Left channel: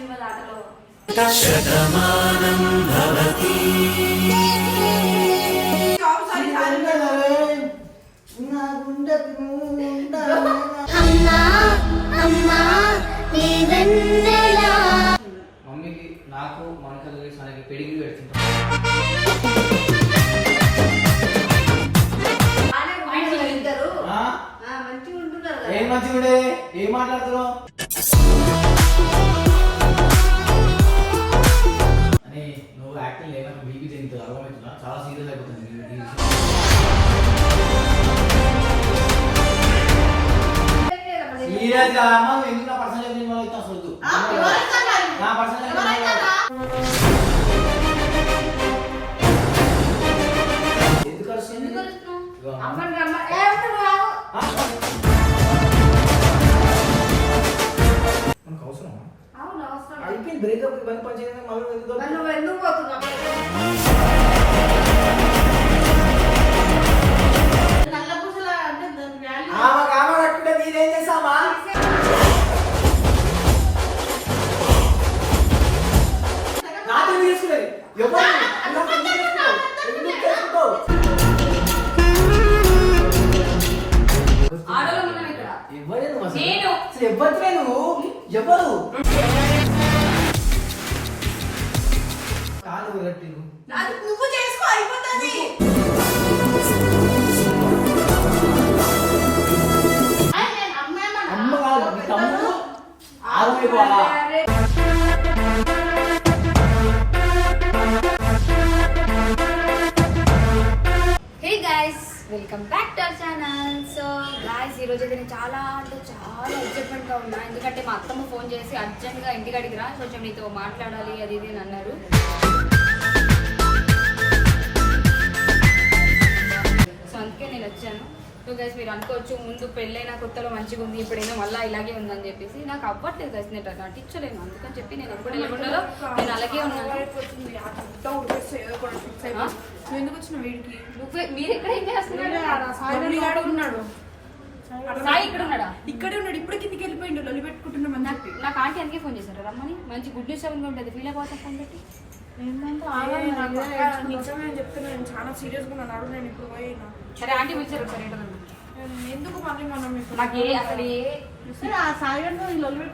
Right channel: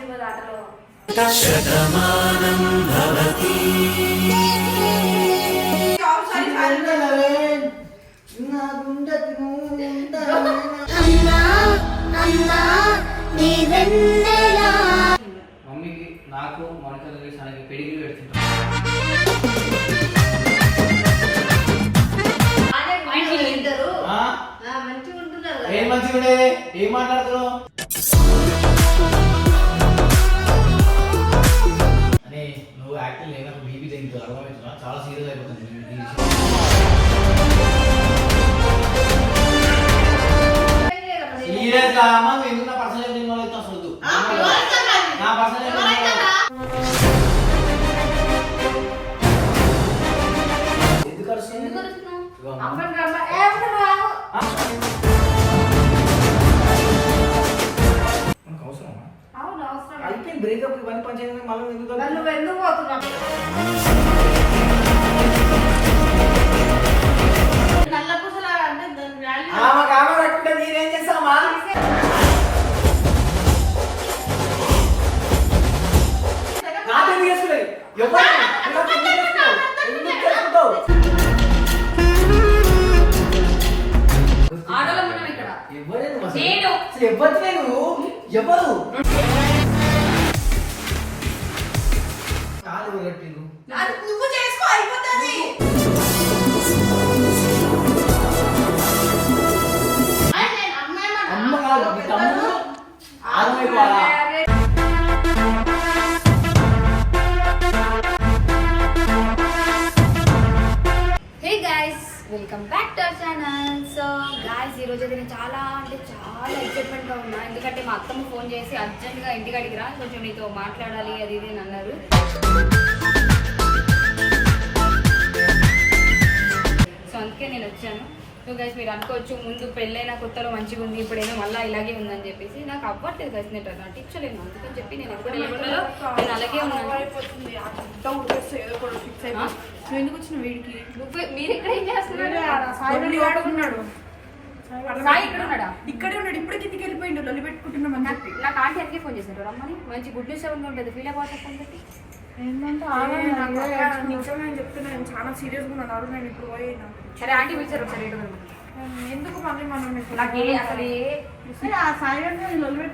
ఆశీర్వాద ఆటలో అమ్మా అమ్మా నీ వెన్నెలా మమ్మీకి నాకు మనకి తనకి మంచిగా ఉంటున్నారు ఏం మంచిగా ఉండేది? ఏం మాట్లాడుతున్నావు? అని నువ్వు యాక్టింగ్ లేక బీపీ తగ్గుతుంది అర్థమవుతుందా చాలా సీరియస్ అయిపోతుంది. సీరియస్ నువ్వు ఎందుకు నా పర్సనల్ ఇన్వాల్వ్ అవుతావు అసలు. నా పర్సనల్ ఎందుకు అరుస్తుంది? అయిపోయింది బ్రేకప్ ఇవన్నీ పని చేయడానికి మళ్ళీ ఎందుకు మరి నువ్వు ఎందుకు పోతున్నావు నల్ల పూసల అంటే దాని వాల్యూ ఆమె ఆమె కట్టుకుంటే నేనేం చేస్తామా నాతో ఎందుకు చేసుకునేది ఎవరు నాకు ఎందుకు చేసుకున్నావు? ఎందుకు చేసుకుంటావు? ఆడోళ్ళం ఉన్నాం ఇక్కడ ఎవరే నువ్వు అసలు? నేను. అసలు ఎవరివే నువ్వు ఎవరు ఎవరు కట్టిండ్రు? అది నువ్వు చేసుకో అయిపోతుంది. అమ్మ కాదు మీ తమ్ముడు ఆగమైపోవాలా welcome back to our channel so guys ఈరోజు అయితే నేను చాలా అంటే చాలా ఎక్సైట్మెంట్గా ఉన్నా. ఎందుకంటే మా అత్తమ్మ ఫోన్ చేసి అర్జెంట్గా ఇంటికి అడిగిరా కొంచెం నీతో మాట్లాడాలి అది ఇది అని అన్నారు. అందుకే నేను వచ్చాను. సో గైస్ మీరు అనుకోవచ్చు ముందు పెళ్ళైన కొత్తలో మంచిగా ఉంది ఇప్పుడేమో మళ్ళీ ఇలాగే ఉందని చెప్పేసి నాకు అవ్వట్లేదు గైస్ నేను నటించలేను. అందుకని చెప్పి నేను ఎప్పుడు వెళ్ళకుండా నేను అలాగే ఉన్నాను. ఎందుకు వచ్చిన వీడికి? మీరు ఇక్కడ ఏం చేస్తున్నారు? సాయి గారు ఉన్నాడు. సాయి ఇక్కడ ఉన్నాడా? ఇక్కడే ఉన్నాడు. ఇప్పుడే కిందికి వెళ్ళిపోయిండు. లొల్లి పెట్టుకుంటున్నామని నాకు నాకు ఆంటీ అందుకే ఫోన్ చేశారు రమ్మని. మంచి గుడ్ న్యూస్ ఎవరిగా ఉంటుంది. ఫీల్ అయిపోతా ఫోన్ పెట్టి? ఏ, నాకు అక్క నిజంగా నేను చెప్తున్నా నేను చాలా సీరియస్గా ఉన్నాను. అడుగు నేను ఇప్పుడు పోయినా సరే ఆంటీ పిలిచారు ఒకసారి ఏంటో కనుక్కో. ఎందుకు మళ్ళీ మనం ఇప్పుడు నాకు ఏ అసలు ఏ సరే, ఆ సాయి లొల్లి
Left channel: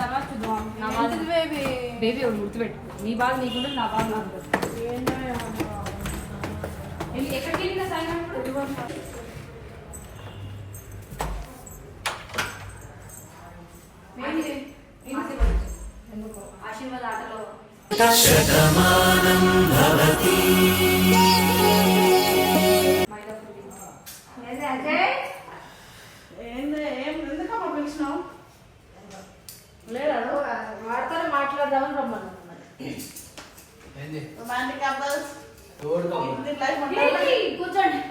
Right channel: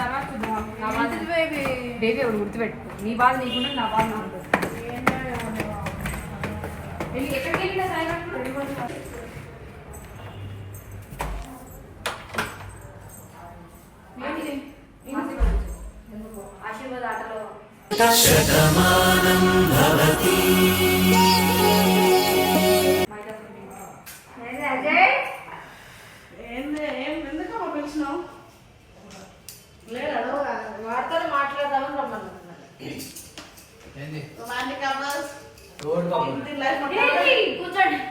తర్వాత చూద్దాం. నా బాధ. బేబీ నీ బాధ నీకుంటే నా బాధ ఉంటుంది వెళ్ళి ఎక్కడికి వెళ్ళినా సాయి గారు ఇప్పుడు? ఏంటి? ఏంటి? ఎందుకు? ఆశీర్వాద ఆటలో బయట ఏంది అజయ్ ఏంది ఏం ఎందుకమ్మా పిలిచినావు లేదు వాడితో మాట్లాడదామని రమ్మన్నాను ఏంది? రొమాంటిక్ కపుల్స్ ఎవరు కావాలి? ఇంటి లైఫ్ ఏంటి? కూర్చోండి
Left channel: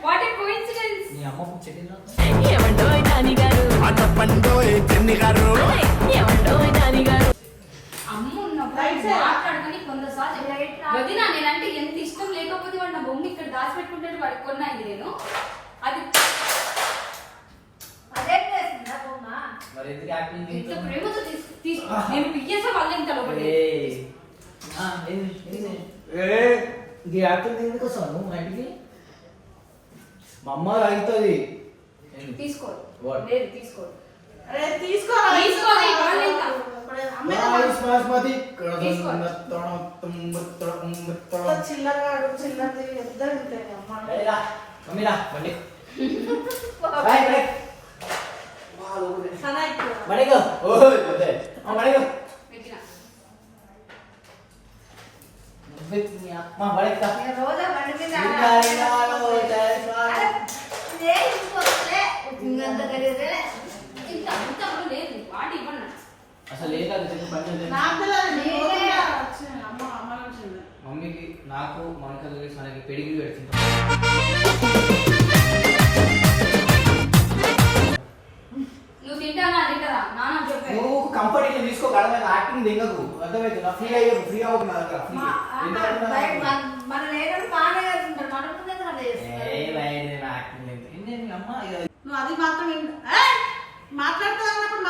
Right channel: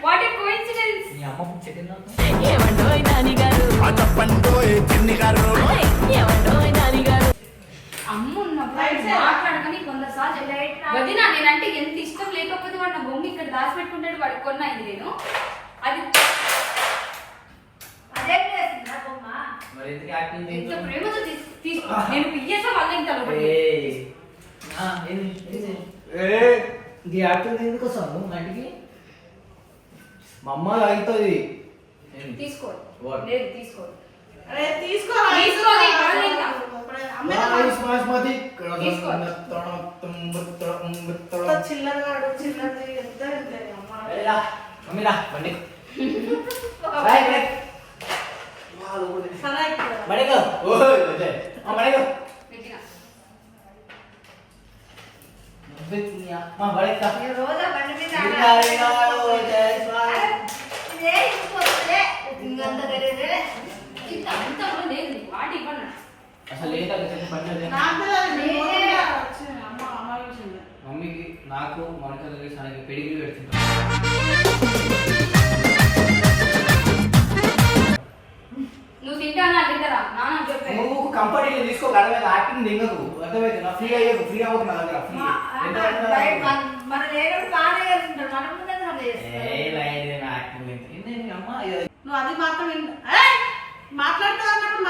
వాట్ ఏ కోఇన్సిడెన్స్ నీ అమ్మ చెట్టిందా ఏమండోయ్ నానిగారు? అటప్పండోయ్ చెన్ని గారు మాట్లాడుకుని కొందరు సార్లు వదిన నేనంటే ఎంత ఇష్టం లేకపోతే వాడు నా బొమ్మ ఇక్కడ దాచిపెట్టుకుంటాడు వాడికి కొన్నా ఇది నేను. అది అదే చేసిందా బొమ్మ? మరి ఎందుకు యాక్టింగ్ ఎంత? ప్రేమతో నేను పియ్యేసా యాక్టింగ్ ఎందుకు మా ఇంటికి? మా అమ్మ తాగుతుంది? లేదు తీసుకో. తీసుకోవాలి, వాళ్ళు ఇంకా. ఇంత అంత కూడా లేదు నీకు. వాటి ఇవ్వను. అసలు. మమ్మీకి నాకు మనకి తనకి పెడిగిరి పెడుతుంటాం. నువ్వు తింటానా తింటారా? నాన్న చెప్పే నువ్వు కంపెనీలో తీసుకో అర్థమైంది యాక్టింగ్ దిగకు. అర్థమైంది? నా ఫ్రీ అయ్యే ఫ్రీ అవ్వకు నా దగ్గర ఫ్రీ ఎంత ఎంత మన లేకుండా బాగానే చేస్తుంటారు మన ముందే మనం చేస్తారు. ఏ లైన్ నా యాక్టింగ్ లేదు ఏంటి అమ్మ? ఇది- నువ్వు అది మాత్రం! మాట్లాడతా అన్నప్పుడు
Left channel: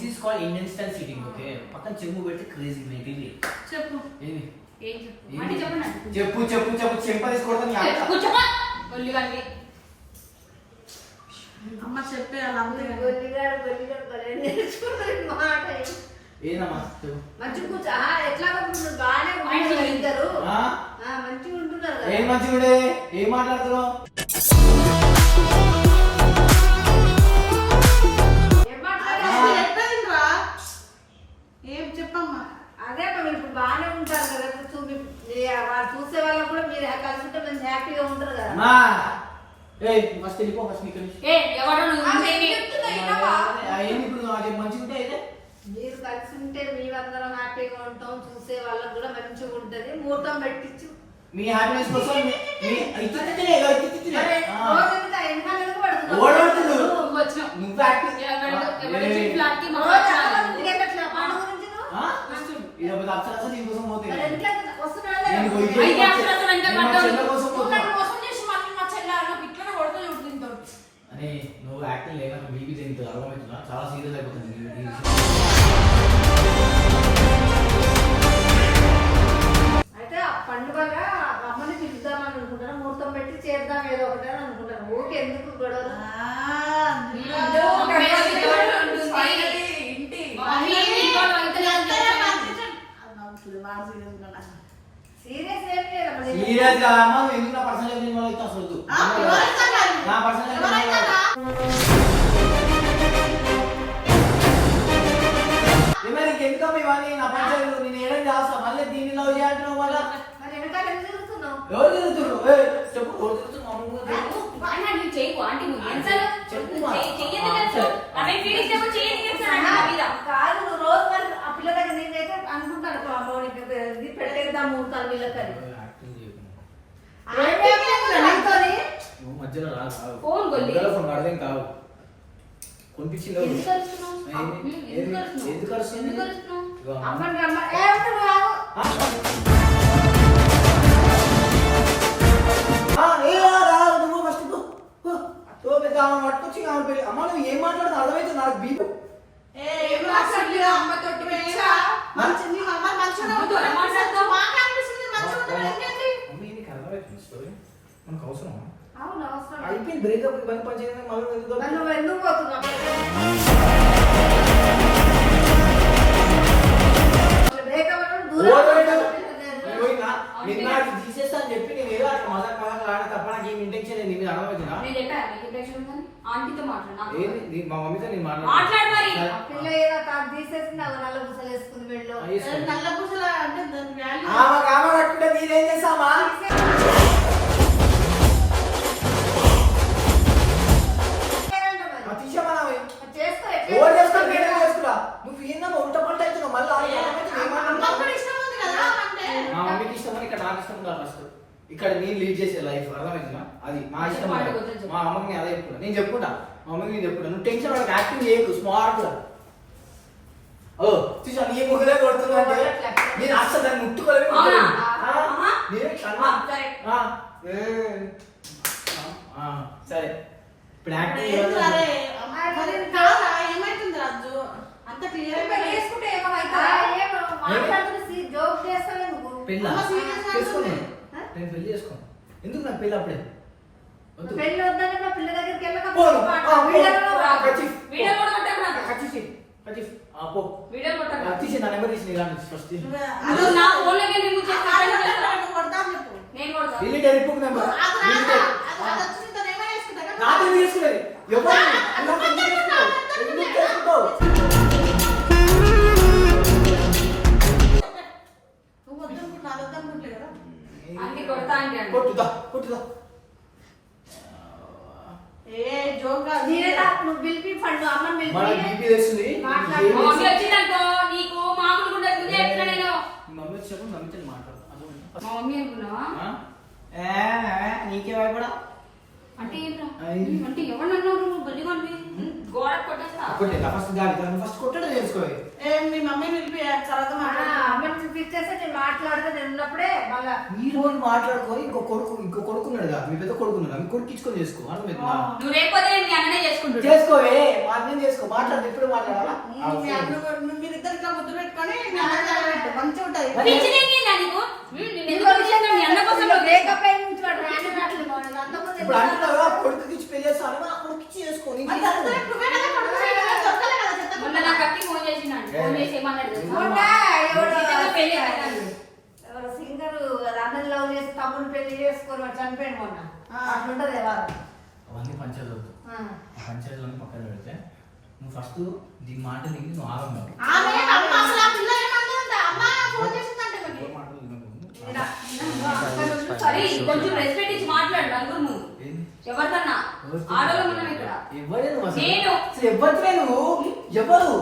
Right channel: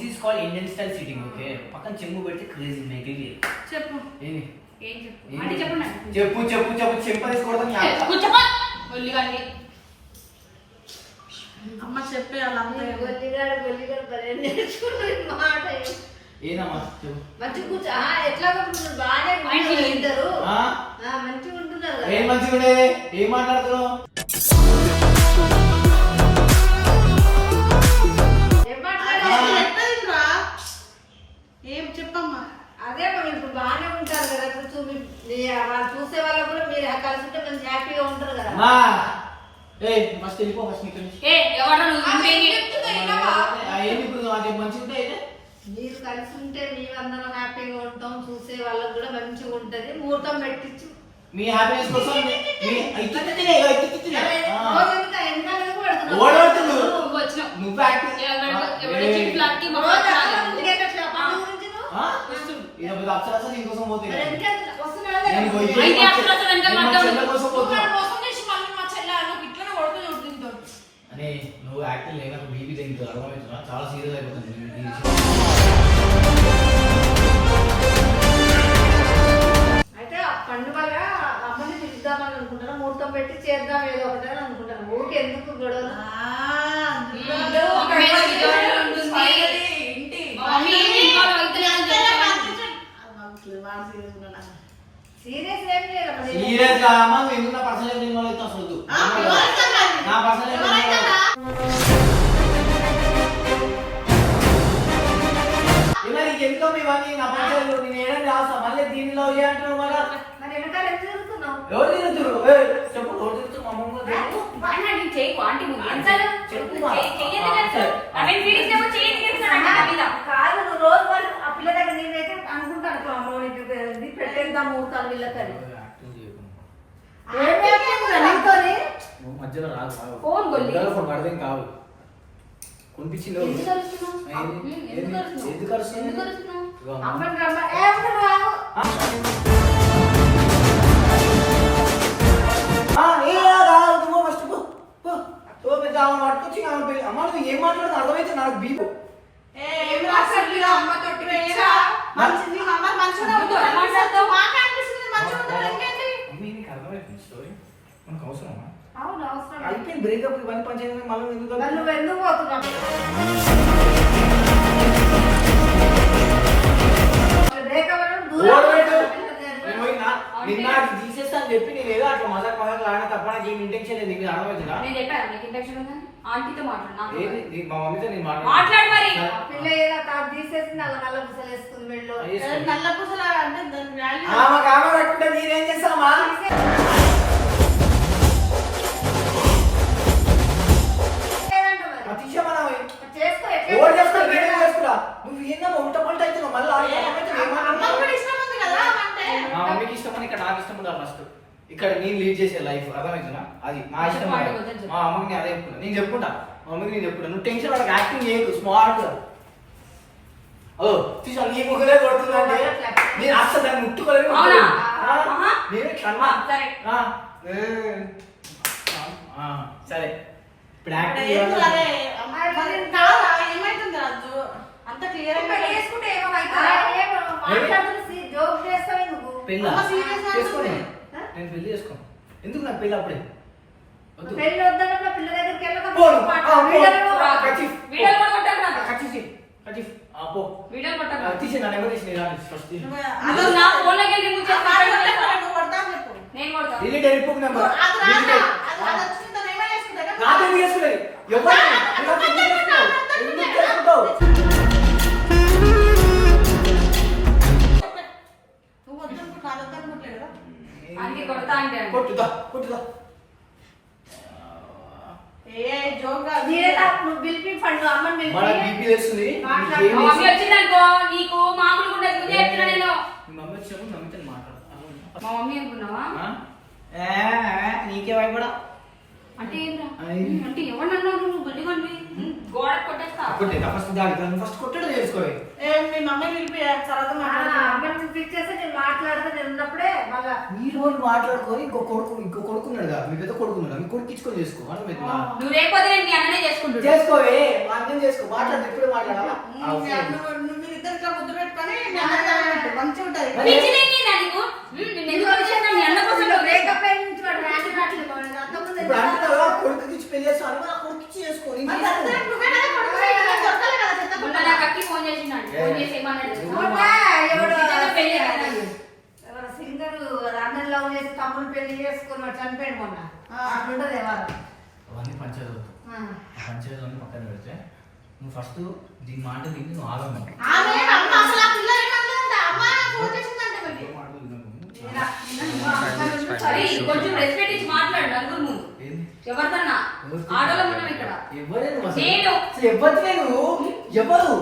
this Indian style seating okay పక్కన చెంబు పెడితే క్రేజీ మేకింగ్ చెప్పు. ఏం చెప్పు? అంటే. చెప్పు చెప్పు చెంప తీసుకోవడం అమ్మ. చెప్పే అలా అంతే నేర్చుకున్నాడు మాట. మంచి కూర్చో. ఎట్లాగో బాగానే మంచిగా ఉంటున్నారు ఇద్దరు ఆ? ఆ, మంచిగా ఉంటున్నారు ఏం మంచిగా ఏం మాట్లాడుతున్నావు? అదే మీరు ఇప్పుడు బాగానే ఉంటారు కదా ఇప్పుడు చూపి మీ- వాళ్ళు చూసే వాళ్ళకు కూడా మీరు కలిసి ఉంటే మంచి హ్యాపీగా ఉంటారు కదా. అమ్మా ఏయ్ ఫస్ట్ వెళ్ళిపో ఫస్ట్ ఇక్కడ ఏ ఎవడో నువ్వు ఇంకేంటి? ఏంది ఇప్పుడు నాకు చెప్పు, మంచిగా ఉంటే అయితే? మీరు కలిసి ఉంటే మీరందరం హ్యాపీగా ఉంటాం చూసే వాళ్ళకు కూడా మంచిగా ఉంటది ముహూర్తం పెట్టించు. మీ హ్యాపీనెస్ కోసం మీ మీ-? నువ్వు యాక్టింగ్ ఫ్లాట్కి ఇది ఒక అప్సరస దీనికోసం పోతే వెనక పడ్డావు. కోసం. అరే నువ్వు యాక్టింగ్ లేక నాకు బీపీ తగ్గుతుంది అర్థమవుతుందా చాలా సీరియస్ అయిపోతుంది విషయం. అయితే ఆ పండుగగా అమ్మని పిలుద్దామని అనుకుంటాను ముహూర్తం పెట్టి చేద్దాం ఏదో ఒకటి అని అనుకుంటాను ఊరికి ఎందుకు గొడవలు? ఒక విజయవాడ ఉంటుంది. ఫైనలీ ఇంటి. మా మమ్మీ ఇంట్లో వెళ్తేనే అని అంతేనా చెప్తాను. పంపించండి. అది ఉన్నాడు. సీరియస్ ఏం లేదు అమ్మ. సీరియస్ నువ్వు ఎందుకు నా పర్సనల్? నా పర్సనల్? మరి. ఎందుకో ఇవన్నీ? నా పంచాయతీలు నేను ఏడం చేస్తా మళ్ళీ దీన్ని లవ్ చేయాలంటున్నావు మళ్ళా? ఎవరు తిరుగుతురు ఏయ్, చెప్పు ఎవరు తిరుగుతురు మా అమ్మమ్మ తిరుగు. అన్న, నువ్వు చేయకు, ఆంటీ చెయ్యి- మా. చెయ్యదు చెయ్యదు తెలుసు నాకు నా మీద. కాదు నువ్వు రోజు వాళ్ళు ఆ పిల్ల దగ్గర నేనైతే అనుకుంటాను ఇప్పుడు అమ్మవారికి ఇది పెట్టేద్దాం ముహూర్తాలు వీళ్ళకని యాక్టింగ్ చేయకు నువ్వు. ఏం చేస్తున్నావు నీతోని? నువ్వు మధ్యలో రాదు కావు ఫోన్ కొల్లి. మధ్యలో ఫోన్ పడదేం కావు కొనిపించింది ఎవరు? ఎందుకు అరుస్తున్నావు? ఏంది? ఉమ్, ఏంది? ఎందుకు అరుస్తున్నావు? ఓ పెద్ద ఆమె పట్టుకొచ్చి ఆమె పెళ్ళి అమ్మ నువ్వు ఏం మాట్లాడుతుంది అర్థమైతే నాకు బీపు. అయిపోయింది బ్రేకప్ ఇవన్నీ పంచాయతీ మళ్ళీ ఎందుకు మరి నువ్వు ఎందుకు పోతున్నావు? బ్రేకప్ అంటే దూరం ఓడు పెట్టు. పిల్ల నేను పోయి నా- నిన్న అది తీసేస్తా అని చెప్పి నేను ఏదో అట్లా మజాక్ మజాక్ లాడిన తప్ప నాకు ఏం ఇంటెన్షన్ లేదు నీకు అర్థమవుతుందా నేను చెప్పాను నీకు ఇంటెన్షన్ ఉందని ఆంటీతో మాట్లాడు ఏది. నీ- మా మమ్మీతో నేను మాట్లాడు మరి. ఆ పిల్ల ఏదో తాను తీసేసి నాకు నల్ల పూసలు వేసుకుంది వెళ్ళు. నల్ల పూసల అంటే దాని వాల్యూ ఆమె కామ కట్టుకుంటే నేనేం చేస్తామా ఇష్టం. మా అమ్మకి నేను అదే చెప్పుకుంటా నేను చెప్పుకుంటా మా అమ్మకి నేను చెప్పుకుంటా నువ్వు టెన్షన్ పడక యాక్టింగ్ చేయకు స్మార్ట్గా ఓ చూసా నీ ముగ్గురే కొడుతుందంటే నేను అసలు దాన్ని ముట్టుకోలేము అవునా? ఆ, ఆహా. నేనే కన్నా ఆ, సరే. ఆ, ఏ. ఆ, సరే ఇప్పుడు యాక్టింగ్ ఏంటి చేయాలి. అరే అమ్మ, మరి కాదా ఏమైతుంది రాజు అంత క్లియర్ పెళ్ళి చేసుకుంటే ఏమవుతుందా? మాట్లాడుతున్న జోక్ చేస్తావు నువ్వు పెళ్ళా అమ్మ serious గా చేసుకోను ఉంటుంది. నేను పెళ్ళి చేసుకోను ఎందుకు నాకు పెళ్ళి అప్పుడే పెళ్ళి వద్దన్న పిల్ల దగ్గరికి కొట్టుదా కొట్టుదా. ఏ జోక్ కాదు. నీడలా నువ్వు పిలిపి పండు అమ్మని మన పిలిపి బీపీ తెలుస్తుంది మాట్లాడు. నీకేం మా మమ్మీ తెలుసు? వచ్చిందనుకో నీకు మామూలుగా ఉండదు ముందే చెప్తున్నా నేను మీ మమ్మీ వచ్చినప్పుడు మమ్మీతో మాట్లాడు అర్థమైందా? మా మమ్మీ అనుకున్నావా ఆ? ఏ, ఏ, నీకే భయపడా అంటే. అంటే గోడ కొట్టేస్తా. కొట్టేదా ఫస్ట్ ఫస్ట్ కొట్టడం చేసుకోవాలి ఏ, మీ మమ్మీ పిలిపి తర్వాత మాట్లాడుతున్నాం అమ్మని పిలిచేస్తే నేను మాట్లాడితే నేను ఉన్నప్పుడే మళ్ళా ఈ రోజు మాట్లాడుకొని ఇంకో కొడుకు ఇంకో కొడుకున్నాడు కదా మీ పెద్ద కొడుకున్నాడు మీ కొడుకు ఇచ్చుకొని చేసుకో నువ్వు అన్ననే చేసుకోవే అర్థం చేసుకో మాట్లాడితే ఇప్పుడు మాట్లాడాలా? ఇట్లా ముద్దు పెట్టుకొని. మంచిగా ఉంటది మరి- పిచ్చి లేనిదా నీకు ఉమ్, నేను ఎందుకు వచ్చాను మీ అన్న కోసం నువ్వు బ్రేకప్ అయిన నుంచి వాడు రాని రావట్లేదు వాడు. అంతకుముందు ఇప్పుడు అంటున్నావా కొడుకు ఇచ్చి పెళ్ళి చేస్తాను మరి ఆ కొడుకు ఇచ్చి చేసుకోను. సింగర్ అన్నది లవ్ చేసి తమ్ముడు పెళ్ళి చేసుకొని వాడు చనిపోయాడు మొన్న. అట్లుంటది ఎవరు అవన్నీ పంచాయతీ పంచాయతీలన్నీ పక్కన పెడితే నువ్వు ఫస్ట్ దీని మాట తిని నువ్వు ఆగమ్మ ఎవరిదన్నా ఆడోళ్ళం ఉన్నాం ఇక్కడ? నేను. నువ్వు ఎవరు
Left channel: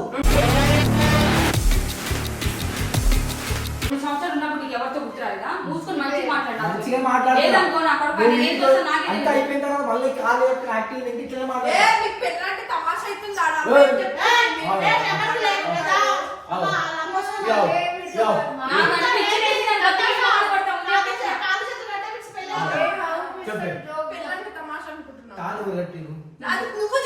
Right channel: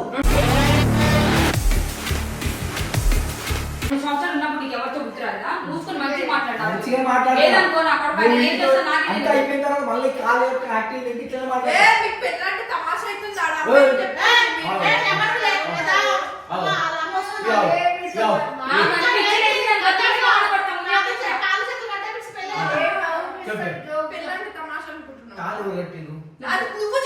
మూడు సంవత్సరాలు ఉన్నప్పుడు నీకు ఎవరితో గుర్తురాలేదా మూసుకొని మంచిగా మాట్లాడాలి మంచిగా మాట్లాడుతున్నా. లేదనుకో నా కొడుకు నువ్వు ఏం చేస్తా అంతా నాకే అయిపోయిన తర్వాత మళ్ళీ కాలు యాక్టింగ్ ఏంటి ఇట్లా ఏ, మాట్లాడతా మీకు పెళ్ళంటే తమాషా అవుతుంది ఆడ. ఓయ్. ఏ, మీ- ఏ, నెంబర్ లేదు కదా? అమ్మ, వాళ్ళ అమ్మ వస్తుంది. యో, యో. మా మన పిచ్చి లేచిందని వచ్చేసి మాట్లాడతాం. కాలు ఎందుకు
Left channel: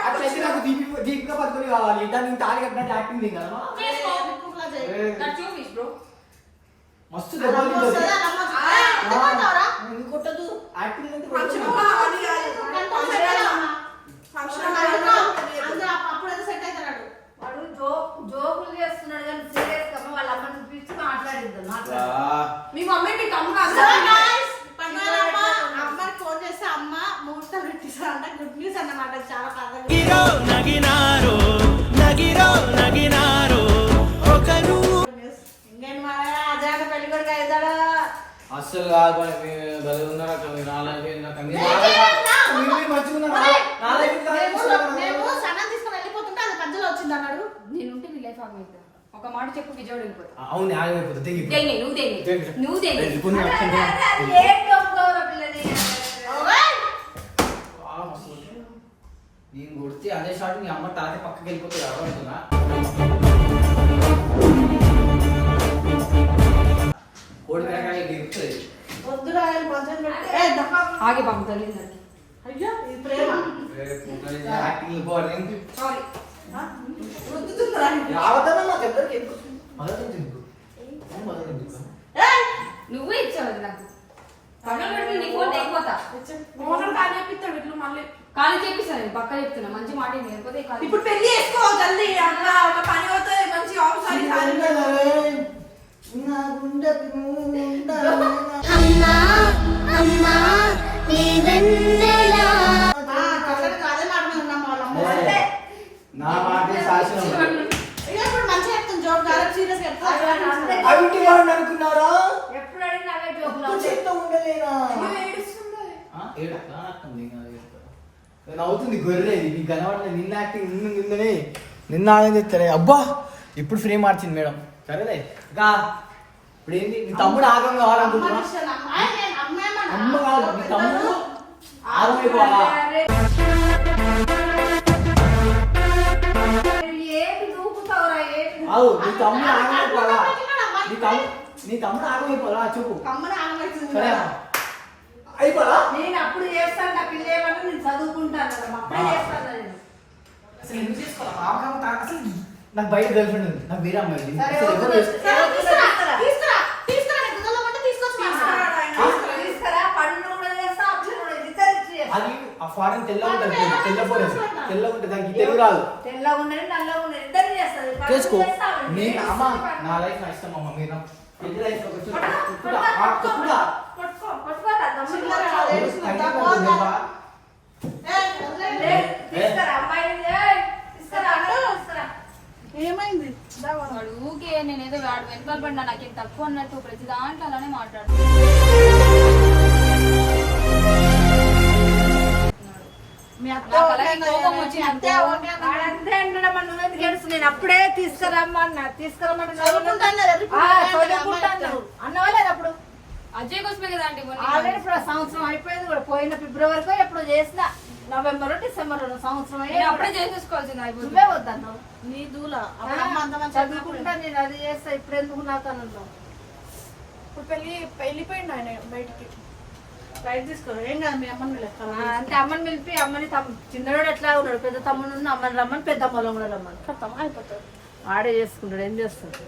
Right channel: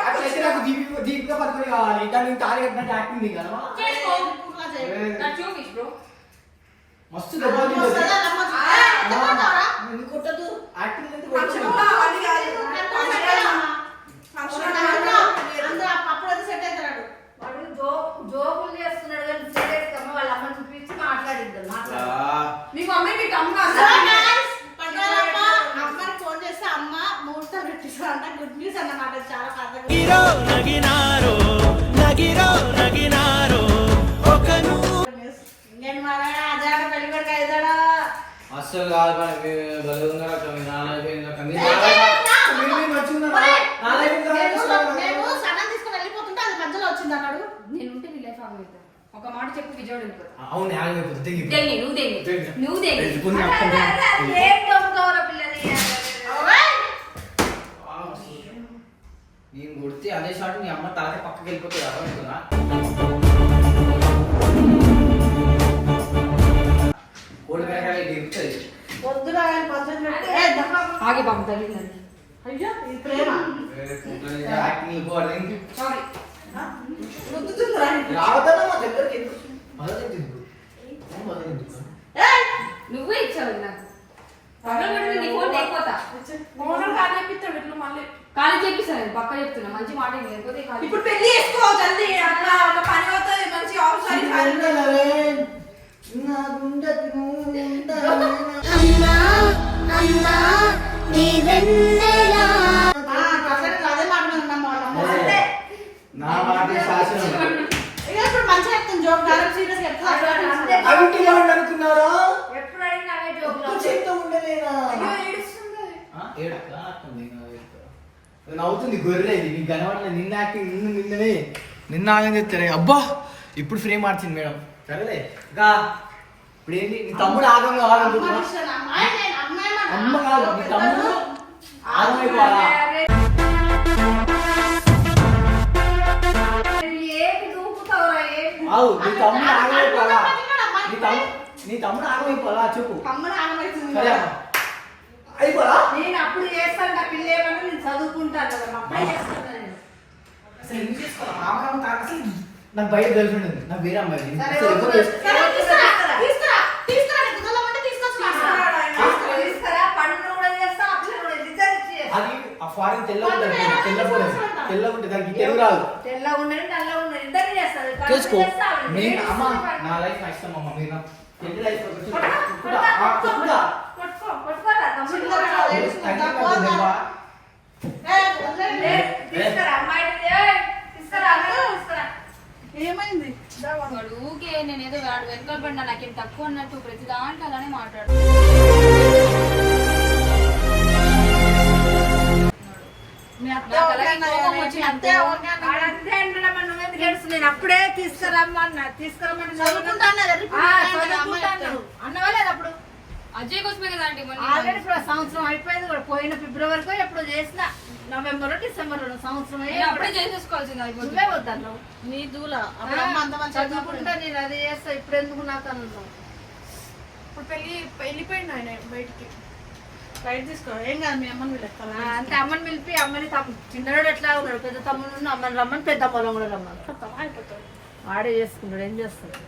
అట్లయితే కట్టుకొచ్చినావు? నాకు దీపిక దీపిక పట్టుకొని కావాలి. దాన్ని నేను తాళి కట్టినట్టు యాక్టింగ్ నీ కదా చేసుకో. ఇలా చేయి. ఏ, నాకు చూపించు బ్రో మస్తు అమ్మ. అమ్మ జోకులు చేస్తున్నాడు కానీ సీరియస్గా వాళ్ళ అమ్మ చూపించి మాట్లాడిద్దాం మాట్లాడు మీ మమ్మీ మీ తమ్ముడు ఫోన్ చేస్తే అమ్మ ముహూర్తం పెట్టిస్తారంట గుడ్ న్యూస్ అన్నమాట. చాలా కథ అస్సలు కాదు మరి మీరు? మేము మేము సగం తీసుకుని వెళ్ళిపోతుంటే అది మధ్యలో వచ్చింది అన్నాడు నేనుంటే నీ లైఫ్ ఆగిపోతా ఒక మాట చెప్పు విజయవాడ అవును ఆగిపోతుంది దేని నువ్వు దేని. నువ్వు దేని నేను కొడితే అదే షాట్ మీ అమ్మ తాత పక్కకి వెళ్ళిపోతే అర్థమవుతుందా ఆగి బాబు తగిలిందండి అయ్యో ఇది ప్రేమ. సారీ నువ్వే ఇచ్చావు నాకు పగల పెట్టి నీ ఫోన్ తెగిపోతా మోహన్ కాదు చెప్పిస్తాడు ఇప్పుడు మళ్ళీ. కాలు చెప్పిస్తాను పక్క చెప్తున్నా. మంచి మాట? లేకపోతే ఇప్పుడు పెళ్ళి చేసుకో జల్దీ అక్క ఒక పని అవుతుంది మంచి అమ్మా అమ్మా నా మాట శాసనం ఇప్పుడు మంచిగా చెప్తుంది జోక్ చాలా సీరియస్ చెప్తాను అవిటి అనుకున్నారా ఎప్పుడు అడిగినా అవే జోకులు ఉండలేనా నవ్వుతుంది గొర్రె ఇది నీకు కనబడలేదు నిన్న యాక్టింగ్ నిన్న నిన్ననే నిన్న ఆగం చెప్తారే అబ్బా ఇప్పుడు ఫ్రేమ్ మార్చింది మేడం సరేలే. ఇంకా ఇప్పుడు ఏంటి? నీ తమ్ముడు ఆగం కావాలనుకుంటున్నా అమ్మ కాదు నీ తమ్ముడు ఆగం అయిపోవాలా? ఆవు నీ తమ్ముడు ఆగం అయిపోవాలా? నీ తమ్ముడు నీ తమ్ముడు ఆగం అయిపోవాలా? చెప్పు. సరే అయిపోవాలా? నేను అప్పుడు చేస్తాను నా పిల్ల ఏమన్నా నేను చదువుకుంటాను అప్పుడే చేస్తాను అసలు ఎందుకు చేసుకోవాలి? ఆగం అసలు నాకు బయట గర్ల్ ఫ్రెండ్ ఉంది. నాకు వేరే అమ్మాయి ఉంది. అసలు ఎవరు కూడా కూడా అది ఆ ఫారెన్ తెల్ల ఉంటుంది తెల్ల ఫోరెన్. తెల్ల ఉంటుంది దానికి తెలుగు రాదు. చేసుకో. చేస్తా, అమ్మ. నా లైఫ్ నా ఇష్టం అమ్మ మీరు పెళ్ళి లైఫ్ పట్టుకో, పట్టుకో, పట్టుకో. పట్టుకో, పట్టుకోరా, తమ్ముడు చిన్నగా పట్టుకో. ఏ, వదిలేయండి. ఏ, తీసుకురా అమ్మాయిని ఏ, తీసుకురా అమ్మాయిని తీసుకురా ఏమైంది వాడు ఊకే నేను ఏదో వాడు వెనకాల పడినా నాకేం తక్కువ అన్నట్టు ప్రతి దాంట్లో అలానే మాట్లాడు మీ అత్త నాకు ఓకే అలాగే అన్నది కోపం కదా, వచ్చి మీ అత్తే ఓకే అన్నది. వాడు అంతే అంటాడు మరి నువ్వెందుకు ఏడుస్తున్నావు? నేను అప్పుడే తీసుకురమ్మన్నా. చెప్తాను. అన్నవాళ్ళు అప్పుడు? అజయ్ కోసమే కదా సంవత్సరం అయిపోయింది కూడా. పోయిన ఫిబ్రవరికో ఎప్పుడు చేసిన. నవంబర్ డిసెంబర్ సంవత్సరం అయ్యి అప్పుడే చేసేసుకోవాల్సింది అయిపోతుంది. నువ్వే వద్దన్నావు. నీ దూల చదువుకుంటా నేను అది చేస్తా ఇప్పుడు ఎందుకు నాకు అన్నావు. ఇప్పుడు పెళ్ళి వెళ్ళిపోయింది ఆయన బయటికి. రైట్ తీసుకో ఏం కాదు మీ అమ్మని ఆ, అంటే అమ్మని పిలిపి అమ్మని తమ్ము చిన్నవాడు ఎట్లా ఉన్నాడు పెద్ద తమ్ముడు ఉన్న అమ్మని రమ్మని పెద్ద పొలం కూడా రమ్మని. అయిపోతుంది. ఆడే చేసుకుంటాడు ఏం చేస్తాడు?